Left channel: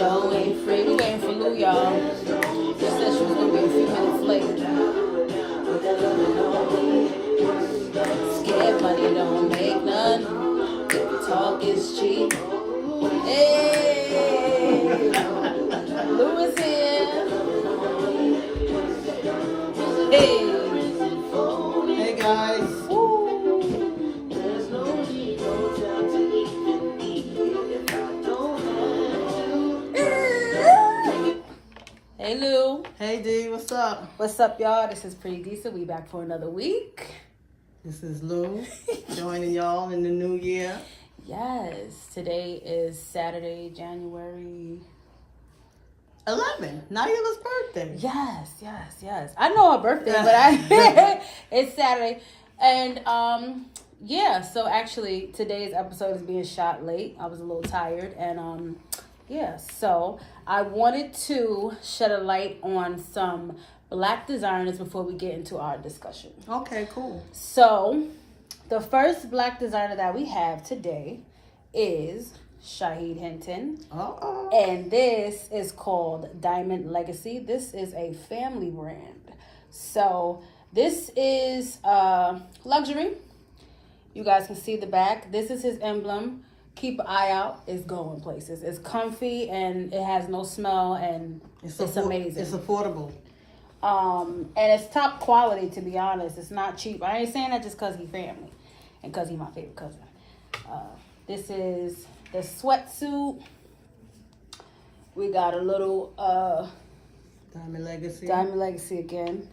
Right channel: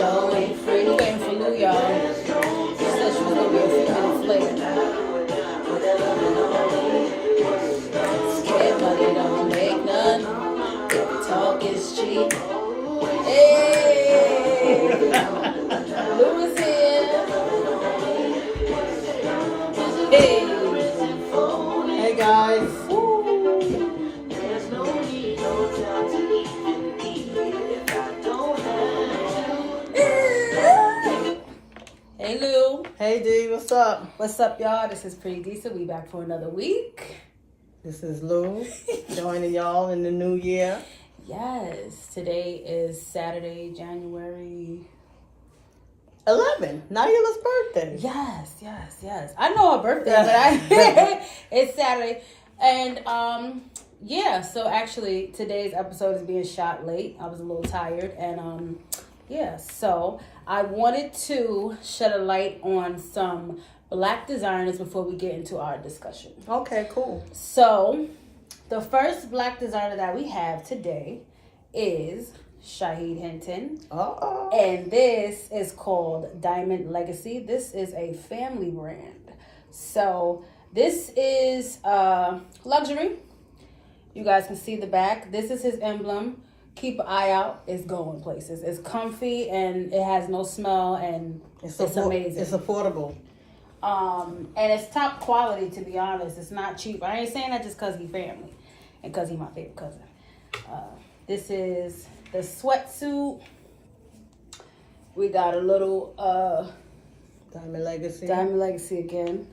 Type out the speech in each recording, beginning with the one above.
show ain't free. We're waiting for Lou, y'all. She said she was going to be a few minutes late. Scared money don't make none. Talk is cheap. Hey! Lou is here. Hey! Hey guys. Hey Lou. Hey D, what's up? What's up, y'all? This is Pretty Decent. We back for another week. This is Lou, joining y'all in the new year. Yes, today is Saturday, January 11, Naila's birthday. Yes. I know her birthday, but it's Saturday. And yeah, so actually today's episode is being shot late. I was a little tired and yeah, so I wanted to shed a light on some Black designers before we get into our discussion. Okay, cool. So, the first Black designer that we have today is Shaheed Hinton. Uh-oh. And this is called Diamond Legacy. This is a family brand. So, this is luxury. You guys can see the back. This is his emblem. Keep an eye out. It's going places. It's comfy and it has no smell and it's amazing. It's affordable. And it's top quality, to be honest. It's not cheap. I ain't saying that just because he family and because he's my favorite cousin. This is the sweatsuit. We got a little Diamond Legacy. Diamond Legacy again.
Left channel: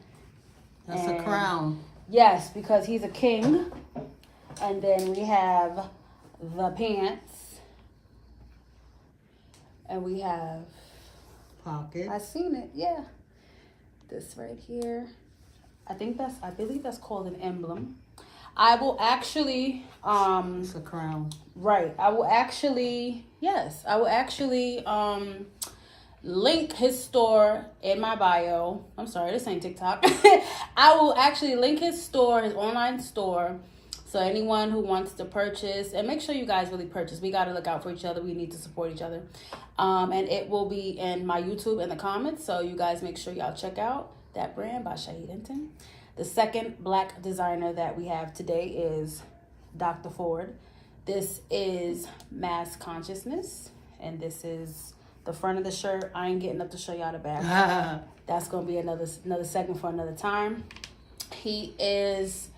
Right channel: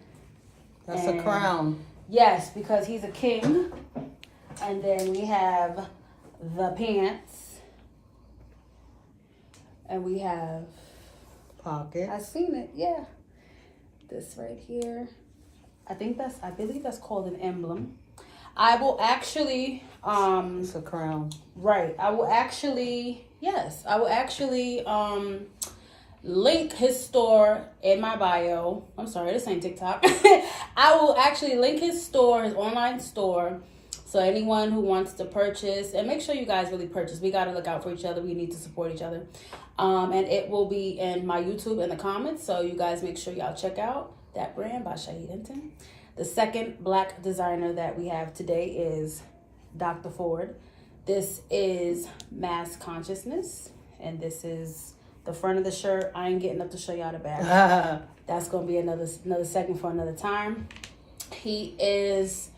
That's a crown. Yes, because he's a king. And then we have the pants. And we have Pocket. I seen it, yeah. This right here. I believe that's called an emblem. I will actually It's a crown. right. I will actually link his store in my bio. I'm sorry, this ain't TikTok. I will actually link his store, his online store. So anyone who wants to purchase, and make sure you guys really purchase. We got to look out for each other. We need to support each other. And it will be in my YouTube in the comments. So you guys make sure y'all check out that brand by Shaheed Hinton. The second Black designer that we have today is Dr. Ford. This is Mass Consciousness. And this is the front of the shirt. I ain't getting up to show y'all the back. That's going to be another segment for another time. He is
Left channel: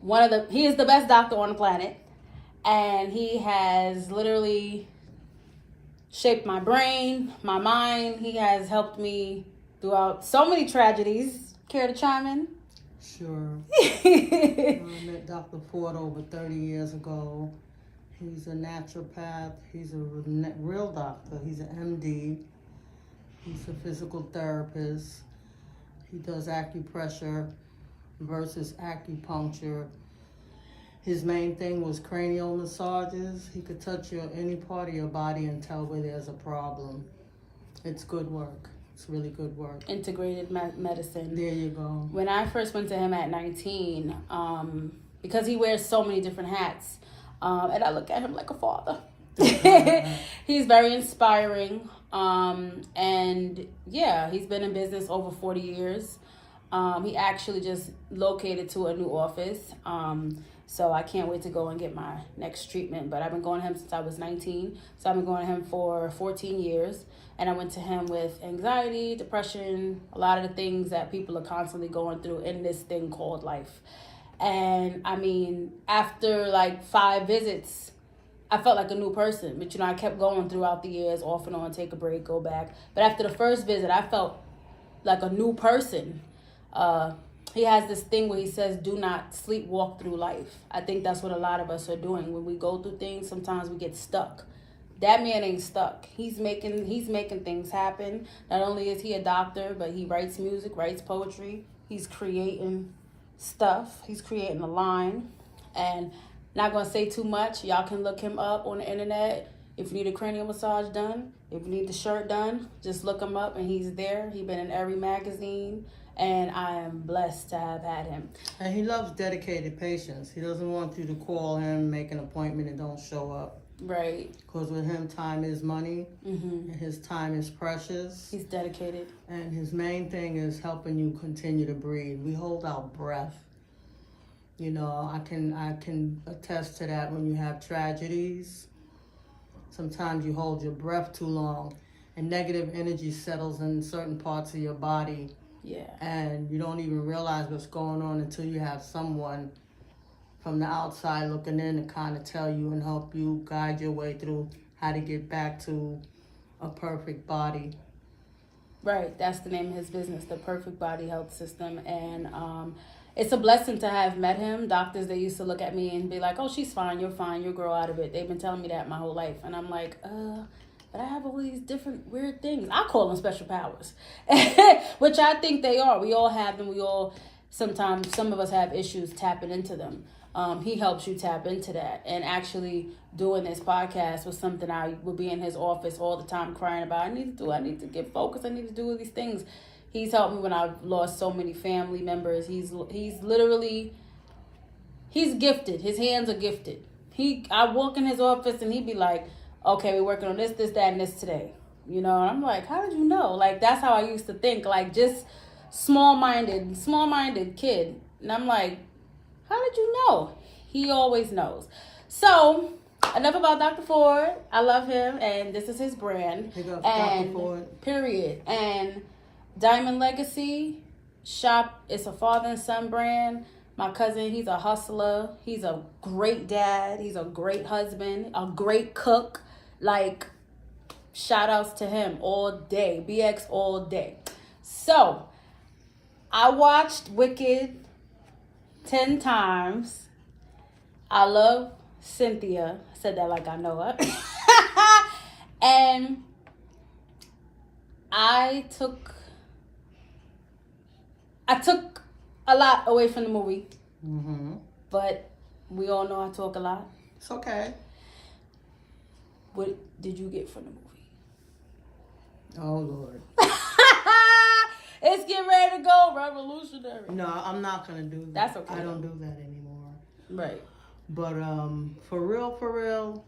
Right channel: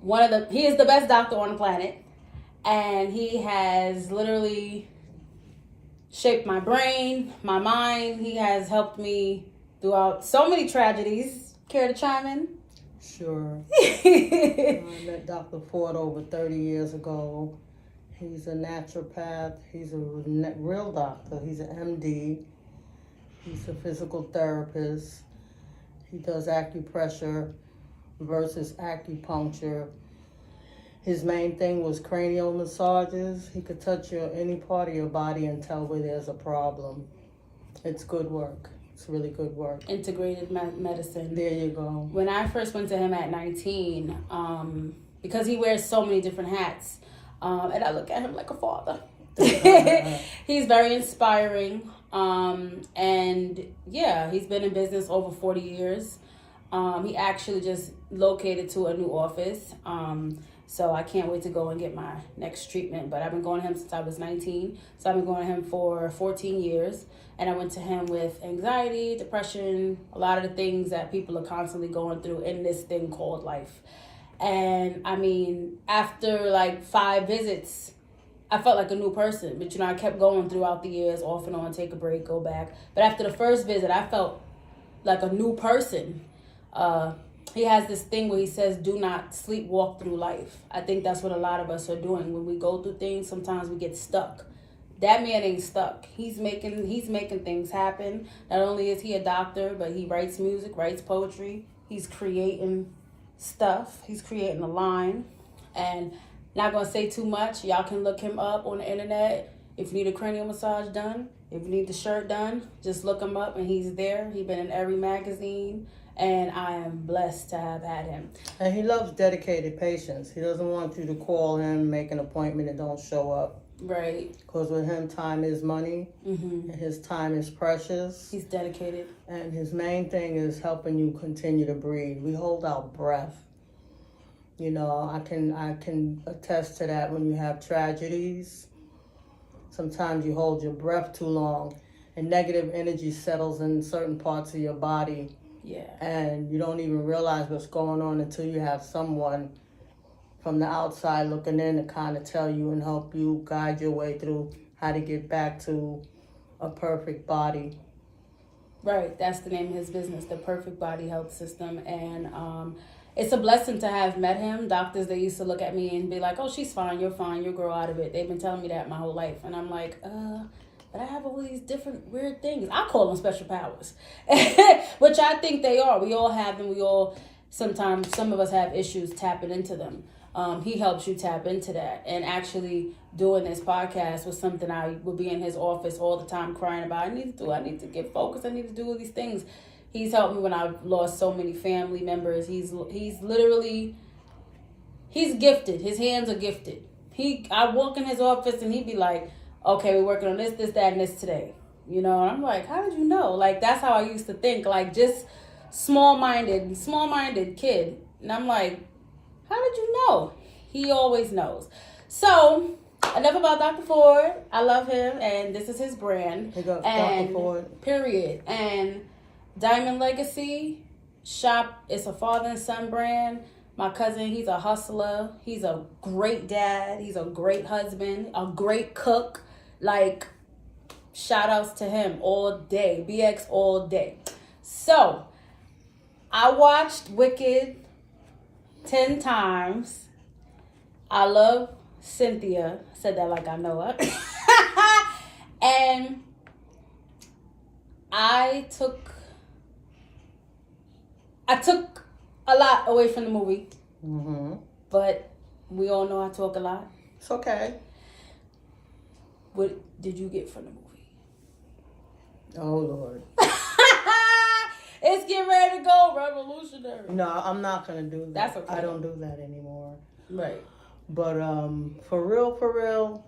the best doctor on the planet, and he has literally shaped my brain, my mind. He has helped me throughout so many tragedies. Care to chime in? Sure. I met Dr. Ford over 30 years ago. He's a naturopath. He's a real doctor. He's an MD. He's a physical therapist. He does acupressure versus acupuncture. His main thing was cranial massages. He could touch any part of your body and tell where there's a problem. It's good work. It's really good work. Integrated medicine. There you go. When I first went to him at 19, because he wears so many different hats, and I look at him like a father. He's very inspiring. And yeah, he's been in business over 40 years. He actually just located to a new office. So I can't wait to go and get my next treatment. But I've been going to him since I was 19. So I've been going to him for 14 years. And I went to him with anxiety, depression, a lot of the things that people are constantly going through in this thing called life. And I mean, after like 5 visits, I felt like a new person. But, I kept going throughout the years, off and on, take a break, go back. But after the first visit, I felt like a new person. He has this thing where he says, do not sleepwalk through life. I think that's what a lot of us are doing. When we go through things, sometimes we get stuck. That man ain't stuck. He's making things happen. Not only is he a doctor, but he writes music, writes poetry. He's creating stuff. He's creating a line. And not going to say too much. Y'all can look him up on the internet. If you need a cranial massage done, if you need the shirt done, just look him up and he's there. He's been in every magazine. And I am blessed to have had him. And he loves dedicated patients. He doesn't want you to call him, make an appointment, and don't show up. Right. Because with him, time is money. Mm-hmm. And his time is precious. He's dedicated. And his main thing is helping you continue to breathe. We hold our breath. You know, I can attest to that when you have tragedies. Sometimes you hold your breath too long and negative energy settles in certain parts of your body. Yeah. And you don't even realize what's going on until you have someone from the outside looking in to kind of tell you and help you guide your way through how to get back to a perfect body. Right. That's the name of his business, the Perfect Body Health System. And it's a blessing to have met him. Doctors, they used to look at me and be like, oh, she's fine, you'll grow out of it. They've been telling me that my whole life. And I'm like, but I have all these different weird things. I call them special powers, which I think they are. We all have them. We all, sometimes, some of us have issues tapping into them. He helps you tap into that. And actually doing this podcast was something I would be in his office all the time crying about. I need to get focused. I need to do all these things. He's helped me when I've lost so many family members. He's literally, he's gifted. His hands are gifted. I walk in his office and he'd be like, okay, we're working on this, that, and this today. You know, and I'm like, how did you know? Like, that's how I used to think. Like, just small-minded kid. And I'm like, how did you know? He always knows. So, enough about Dr. Ford. I love him, and this is his brand. Pick up And Dr. Ford. period. And Diamond Legacy shop. It's a father and son brand. My cousin, he's a hustler. He's a great dad. He's a great husband, a great cook. Like, shout outs to him all day. BX all day. So, I watched Wicked 10 times. I love Cynthia. I said that like I know her. And I took a lot away from the movie. Mm-hmm. But we all know I talk a lot. It's okay. What did you get from the movie? Oh, Lord. It's getting ready to go revolutionary. No, I'm not going to do that. That's okay. I don't do that anymore. Right. But for real,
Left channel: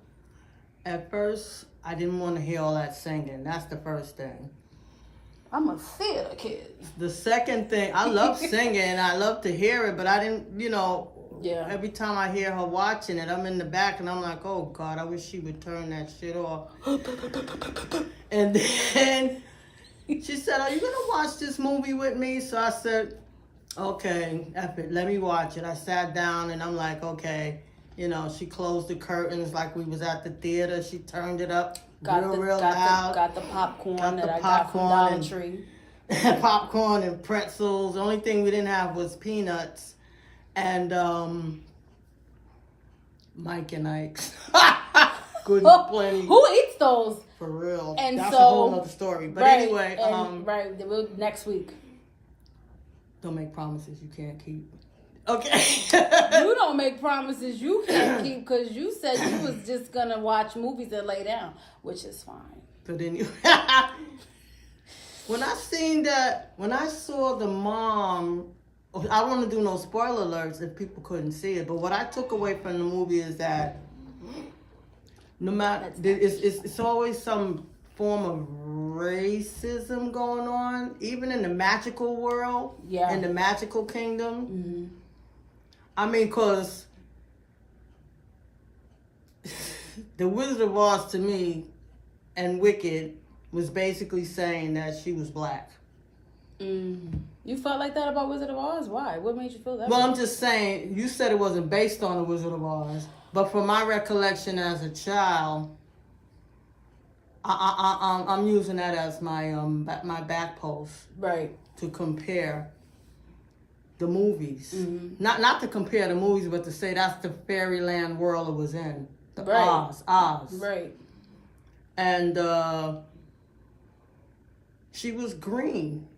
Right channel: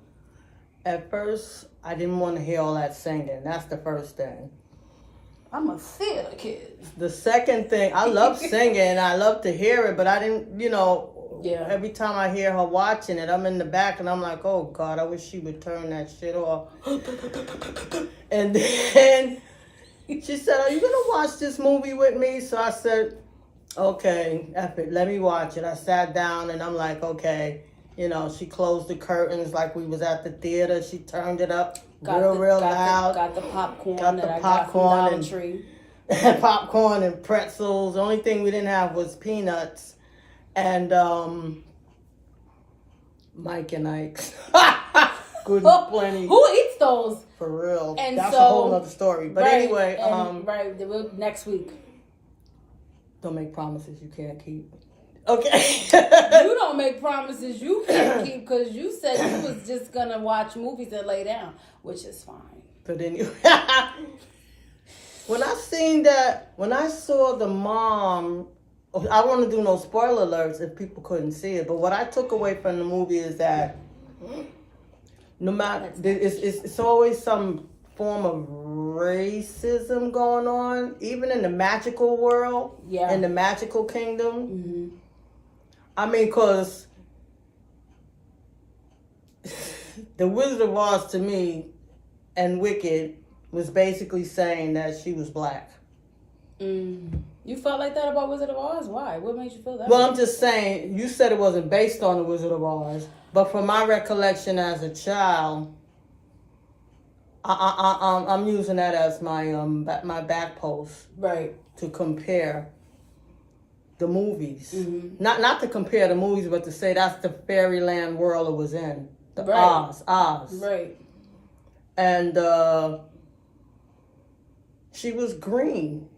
at first, I didn't want to hear all that singing. That's the first thing. I'm a theater kid. The second thing, I love singing. I love to hear it, but I didn't, Yeah. Every time I hear her watching it, I'm in the back and I'm like, oh, God, I wish she would turn that shit off. And then she said, are you going to watch this movie with me? So I said, okay, F it, let me watch it. I sat down and I'm like, okay. She closed the curtains like we was at the theater. She turned it up real loud. Got the popcorn Got the that I got popcorn from Dollar Tree. Popcorn and pretzels. The only thing we didn't have was peanuts. And Mike and Ike's. Good and plenty. Who eats those? For real. And that's so, a whole other story. But right, anyway, next week. Don't make promises you can't keep. Okay. You don't make promises you can't keep because you said you was just gonna watch movies and lay down, which is fine. But anyway, when I saw the mom, I don't want to do no spoiler alerts if people couldn't see it, but what I took away from the movie is that no matter, it's always some form of racism going on, even in the magical world, in the magical kingdom. Mm-hmm. I mean, because the Wizard of Oz to me and Wicked was basically saying that she was black. Mm. You felt like that about Wizard of Oz? Why? What made you feel that? Well, I'm just saying, you said it wasn't based on the Wizard of Oz, but from my recollection as a child, I'm using that as my back post, right, to compare the movies. Mm-hmm. Not to compare the movies, but to say that's the fairyland world it was in. The right. Oz. Right. And she was green.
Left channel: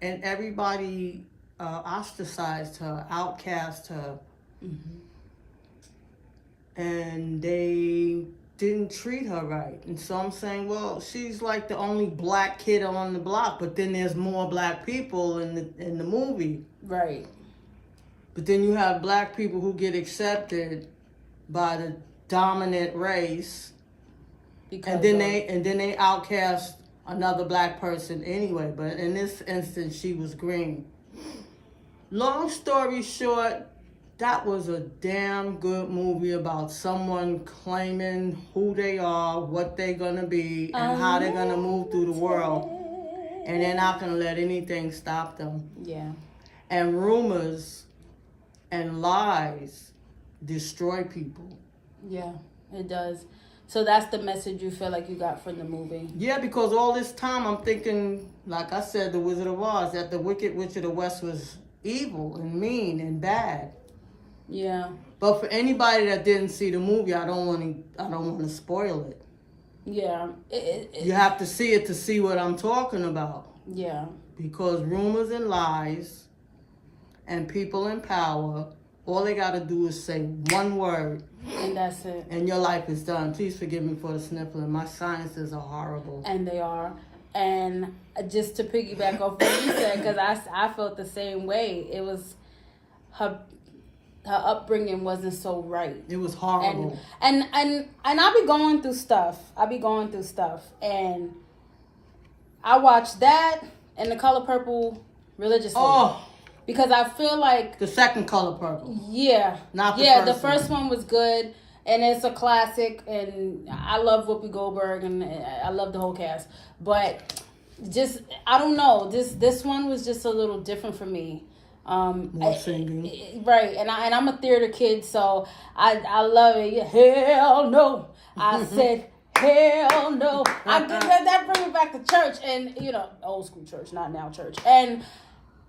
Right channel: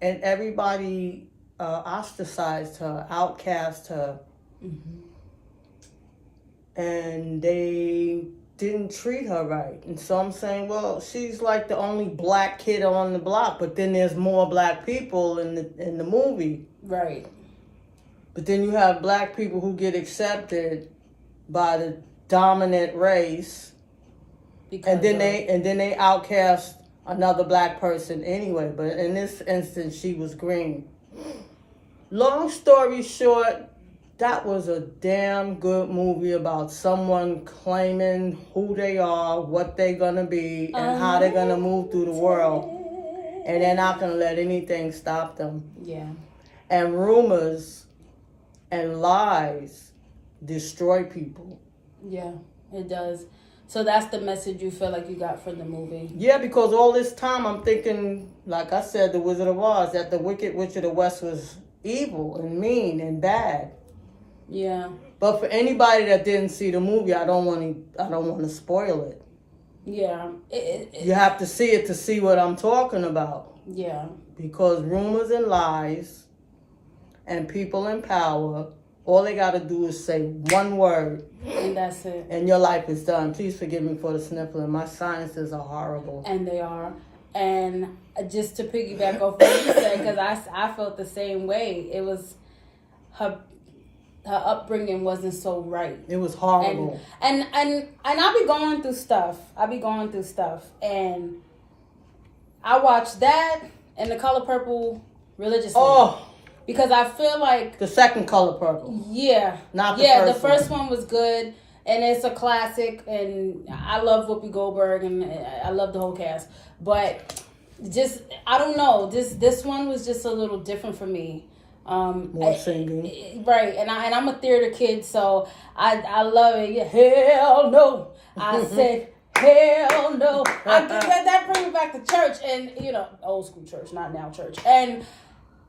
And everybody ostracized her, outcast her. Mm-hmm. And they didn't treat her right. And so I'm saying, well, she's like the only black kid on the block, but then there's more black people in the movie. Right. But then you have black people who get accepted by the dominant race, Because and then they outcast another black person anyway. But in this instance, she was green. Long story short, that was a damn good movie about someone claiming who they are, what they're gonna be, and how they're gonna move through the world. And they're not gonna let anything stop them. Yeah. And rumors and lies destroy people. Yeah, it does. So that's the message you feel like you got from the movie. Yeah, because all this time I'm thinking, like I said, The Wizard of Oz, that the Wicked Witch of the West was evil and mean and bad. Yeah. But for anybody that didn't see the movie, I don't want to spoil it. Yeah. You have to see it to see what I'm talking about. Yeah. Because rumors and lies and people in power, all they got to do is say one word. And that's it. And your life is done. Please forgive me for the sniffling. My sinuses are horrible. And they are. And just to piggyback off what you said, because I felt the same way. It was her upbringing wasn't so right. It was horrible. And I be going through stuff. And I watched that and The Color Purple religiously. Oh, because I feel like the second Color Purple. Yeah. Not the first first the first one was good, and it's a classic, and I love Whoopi Goldberg, and I love the whole cast. But just, I don't know, this one was just a little different for me. More singing. Right, and I'm a theater kid, so I love it. Yeah, hell no. I said, hell no. That brings me back to church, and, old school church, not now church. And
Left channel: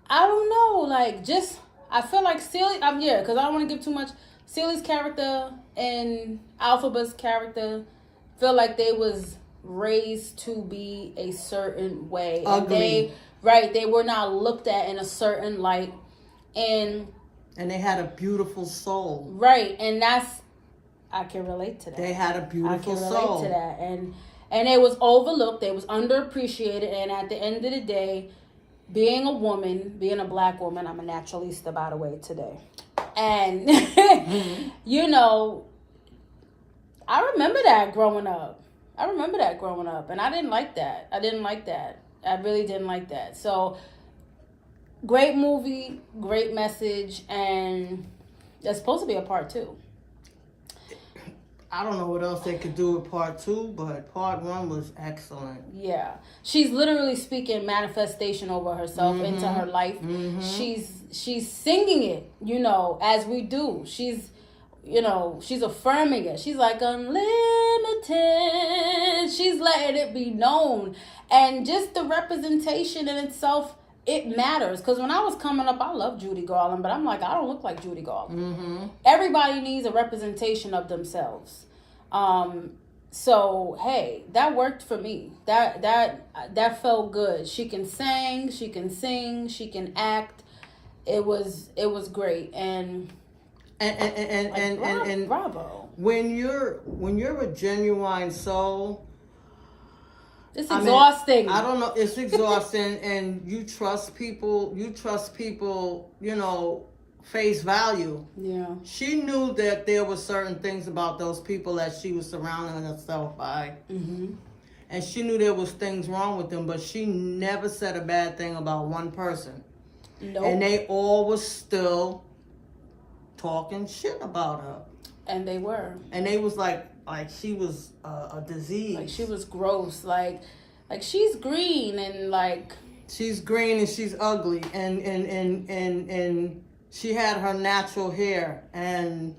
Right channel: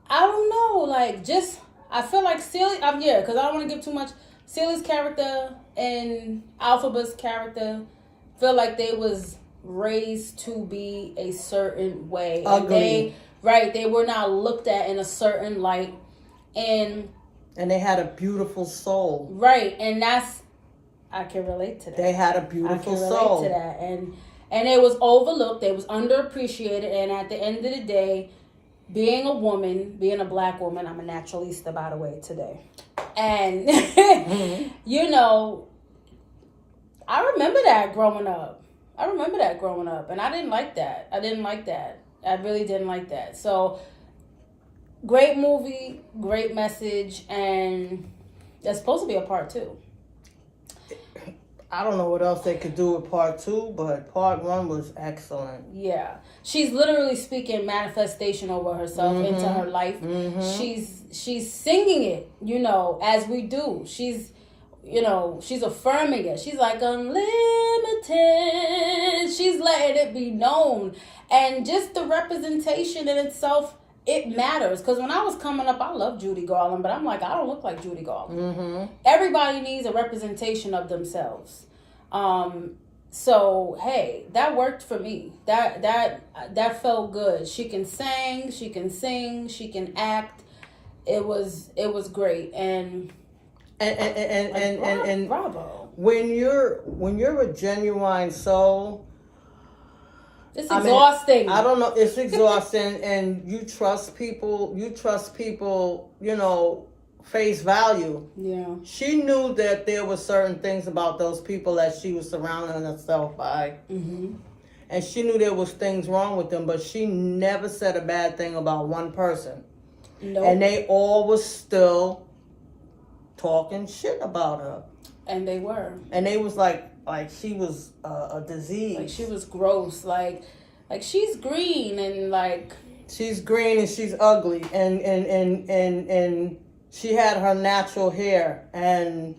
I don't know, like, just, I feel like Celie, because I don't want to give too much. Celie's character and Alphaba's character feel like they was raised to be a certain way. Ugly. They were not looked at in a certain light. And they had a beautiful soul. Right, and I can relate to that. They had a beautiful soul. I can relate to that. And it was overlooked, it was underappreciated, and at the end of the day, being a woman, being a black woman, I'm a naturalista, by the way, today. And, I remember that growing up. And I didn't like that. I really didn't like that. So, great movie, great message, and there's supposed to be a part 2. I don't know what else they could do with part 2, but part 1 was excellent. Yeah. She's literally speaking manifestation over herself into her life. Mm-hmm. She's singing it, as we do. She's affirming it. She's like, unlimited. She's letting it be known. And just the representation in itself, it matters. Because when I was coming up, I loved Judy Garland, but I'm like, I don't look like Judy Garland. Mm-hmm. Everybody needs a representation of themselves. So, hey, that worked for me. That felt good. She can sing, she can sing, she can act. It was great. And bravo. When you're a genuine soul, it's exhausting. I don't know, it's exhausting. And you trust people, face value. Yeah. She knew that there were certain things about those people that she was surrounding herself by. Mm-hmm. And she knew there was things wrong with them, but she never said a bad thing about one person. Nope. And they all was still talking shit about her. And they were. And they was like she was a disease. Like she was gross. Like she's green and like. She's green and she's ugly and she had her natural hair and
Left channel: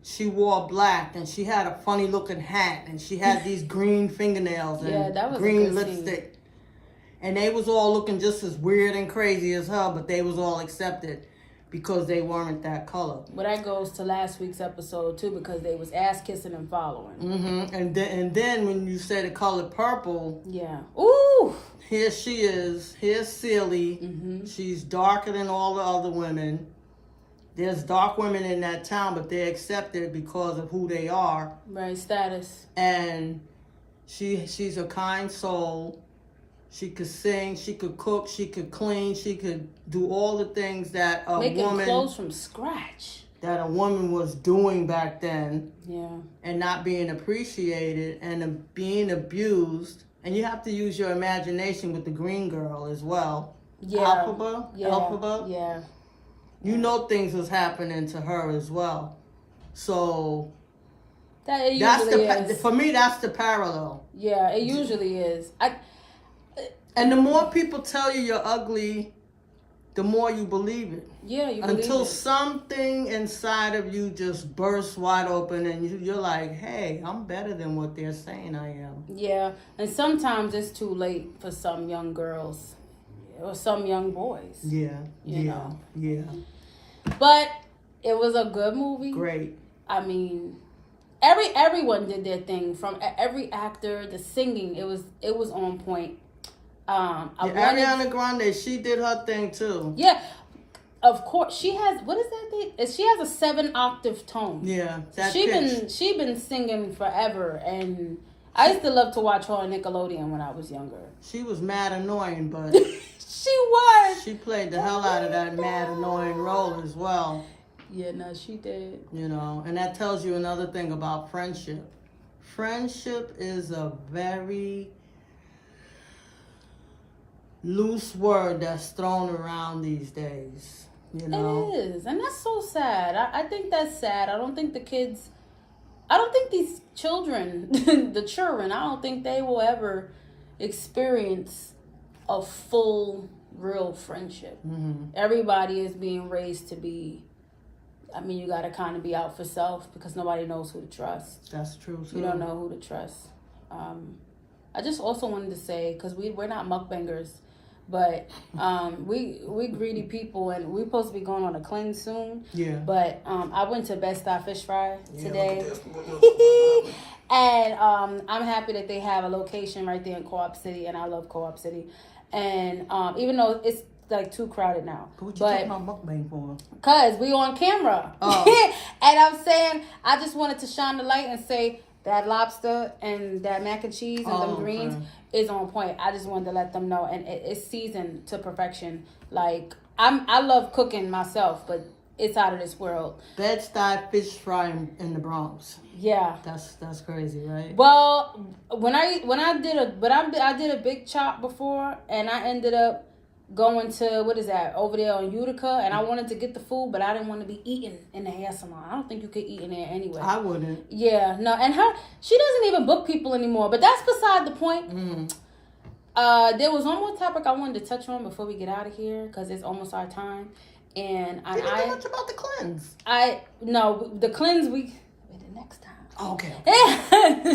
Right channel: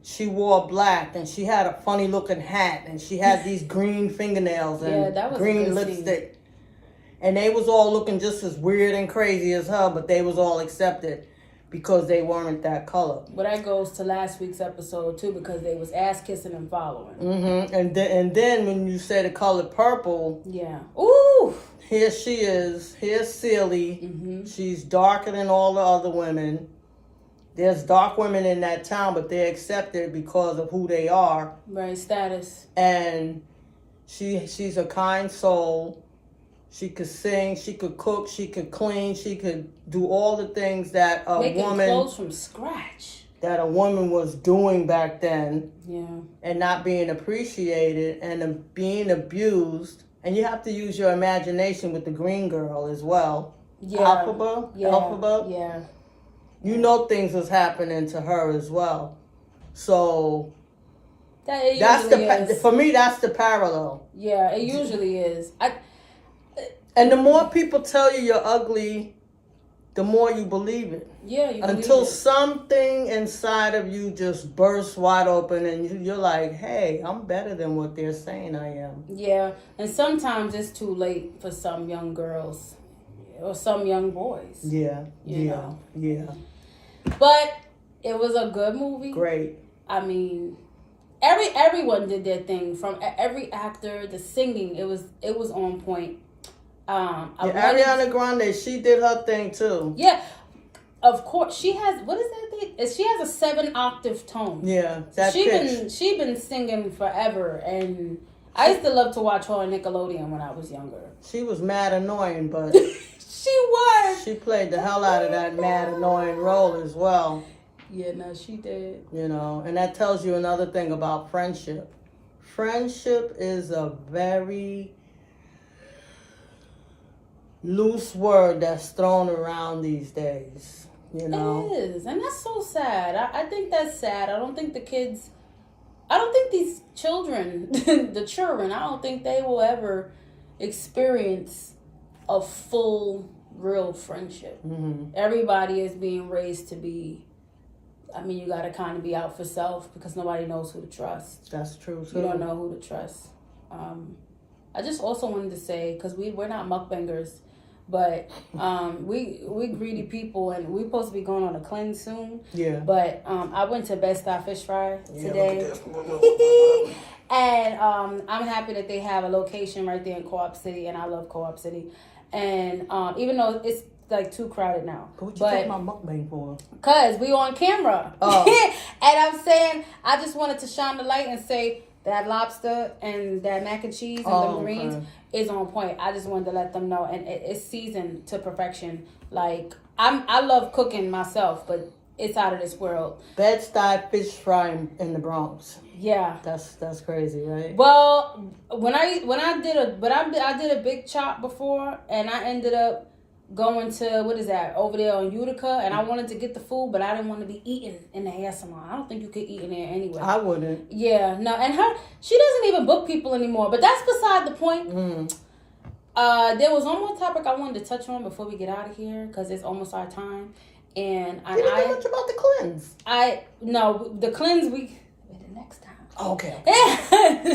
she wore black and she had a funny looking hat and she had these green fingernails and green lipstick. And they was all looking just as weird and crazy as her, but they was all accepted because they weren't that color. Well, that goes to last week's episode too, because they was ass kissing and following. Mm-hmm. And then when you say the color purple, yeah, ooh, here she is. Here's Celie. Mm-hmm. She's darker than all the other women. There's dark women in that town, but they're accepted because of who they are. Right, status. And she's a kind soul. She could sing, she could cook, she could clean, she could do all the things that a woman... Making woman... clothes from scratch. that a woman was doing back then Yeah. and not being appreciated and being abused. And you have to use your imagination with the green girl as well. Yeah. Alphaba? Yeah. Alphaba? Yeah. You know things was happening to her as well. So That it that's usually is. for me, that's the parallel. Yeah, it usually is. And the more people tell you you're ugly, the more you believe it. Yeah, you Until believe it. something inside of you just bursts wide open and you're like, hey, I'm better than what they're saying I am. Yeah, and sometimes it's too late for some young girls or some young boys. Yeah, You yeah, know. yeah. But it was a good movie. Great. I mean, everyone did their thing. From every actor, the singing, it was on point. Ariana Grande, she did her thing too. Yeah, of course she has. What is that thing? She has a 7-octave tone. Yeah, that she pitch. she been singing forever, and I used to love to watch her on Nickelodeon when I was younger. She was mad annoying, but She was. she played the hell out of that mad annoying role as well. Yeah, no, she did. You know, and that tells you another thing about friendship. Friendship is a very loose word that's thrown around these days, you know. It is, and that's so sad. I think that's sad. I don't think these children, the children, I don't think they will ever experience a full, real friendship. Mm-hmm. Everybody is being raised to be, I mean, you got to kind of be out for self because nobody knows who to trust. That's true too. You don't know who to trust. I just also wanted to say, because we're not mukbangers, but we greedy people, and we're supposed to be going on a cleanse soon. Yeah. But I went to Best Style Fish Fry today. And I'm happy that they have a location right there in Co-op City, and I love Co-op City. And even though it's like too crowded now. What you talking about mukbang for? Cause we on camera. Oh. And I'm saying, I just wanted to shine the light and say that lobster and that mac and cheese and the greens is on point. I just wanted to let them know, and it's seasoned to perfection. Like I love cooking myself, but it's out of this world. Bed-Stuy fish fry in the Bronx. Yeah, That's crazy, right? well, I did a big chop before, and I ended up going to, what is that, over there on Utica, and I wanted to get the food, but I didn't want to be eating in the hair salon. I don't think you could eat in there anyway. I wouldn't. Yeah, no, and she doesn't even book people anymore, but that's beside the point. Mm. There was one more topic I wanted to touch on before we get out of here, because it's almost our time. And You didn't know much about the cleanse. the cleanse the next time. Oh, okay.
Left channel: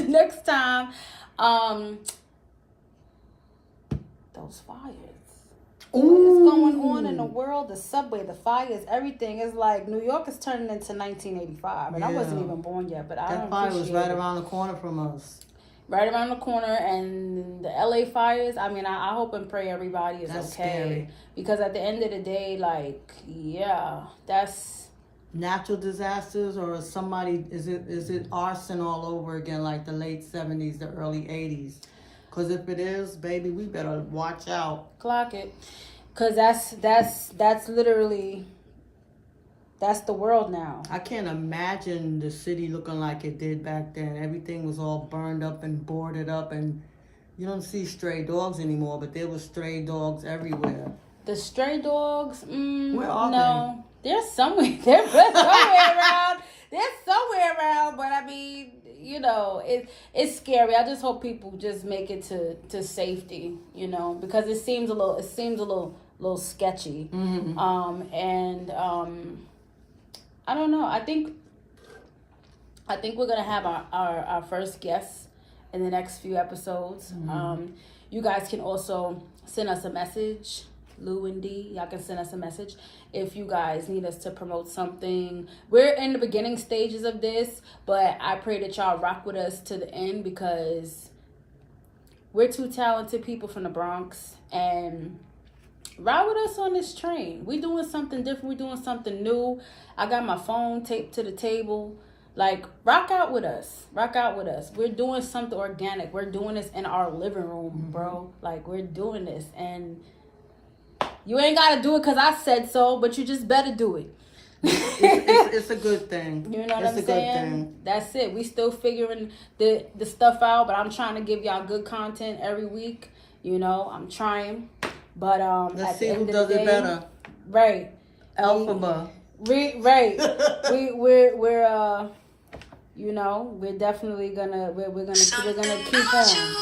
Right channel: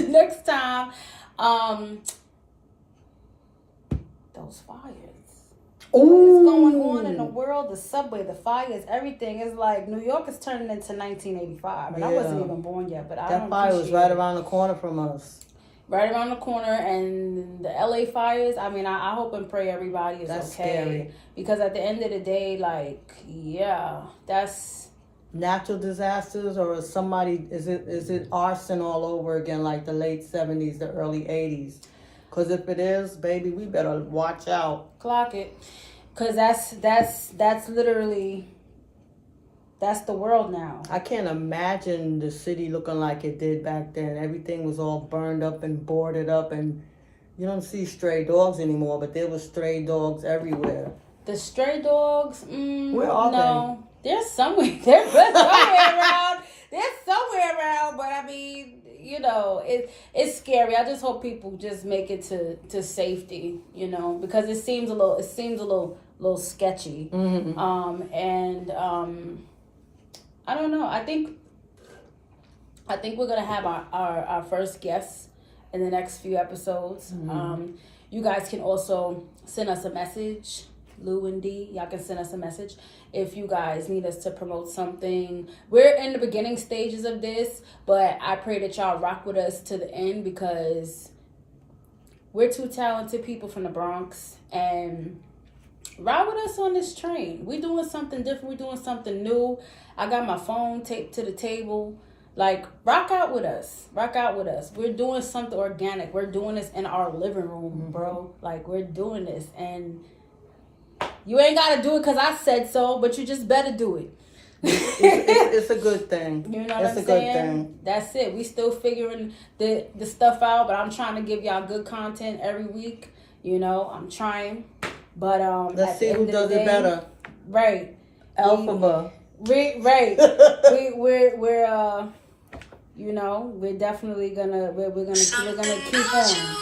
Next time, those fires. Ooh. What's going on in the world? The subway, the fires, everything is like New York is turning into 1985, and I wasn't even born yet. But that fire was right around the corner from us. Right around the corner, and the LA fires. I mean, I hope and pray everybody is That's okay. scary. Because at the end of the day, like, yeah, that's Natural disasters, or is it arson all over again like the late 70s, the early 80s? Because if it is, baby, we better watch out. clock it. Because that's literally, that's the world now. I can't imagine the city looking like it did back then. Everything was all burned up and boarded up, and you don't see stray dogs anymore, but there were stray dogs everywhere. The stray dogs, Where are no. They're somewhere. They're somewhere around. They're somewhere around, but I mean, you know, it's scary. I just hope people just make it to safety, you know, because it seems a little sketchy. Mm-hmm. I don't know. I think we're gonna have our first guests in the next few episodes. Mm-hmm. You guys can also send us a message. Lou and D, y'all can send us a message if you guys need us to promote something. We're in the beginning stages of this, but I pray that y'all rock with us to the end, because we're two talented people from the Bronx, and ride with us on this train. We doing something different. We doing something new. I got my phone taped to the table. Like, rock out with us. Rock out with us. We're doing something organic. We're doing this in our living room, bro. Like, we're doing this, and you ain't got to do it because I said so, but you just better do it. It's a good thing. You know what It's I'm a good saying? thing. That's it. We still figuring the stuff out, but I'm trying to give y'all good content every week. You know, I'm trying. But Let's see who does it better. Right. Alphaba. Right. we're you know, we're definitely gonna we're gonna keep on.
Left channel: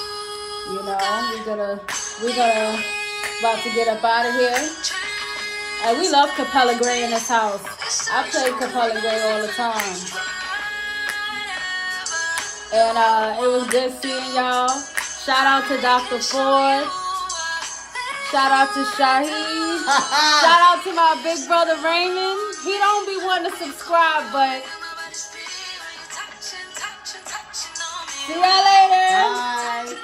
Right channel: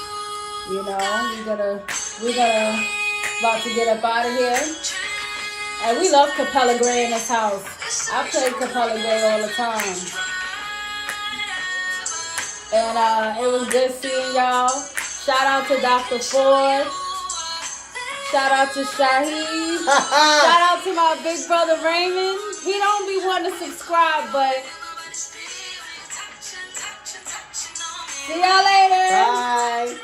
You know, we're gonna about to get up out of here. And we love Capella Gray in this house. I play Capella Gray all the time. And it was good seeing y'all. Shout out to Dr. Ford. Shout out to Shaheed. Shout out to my big brother Raymond. He don't be wanting to subscribe, but see y'all later. Bye.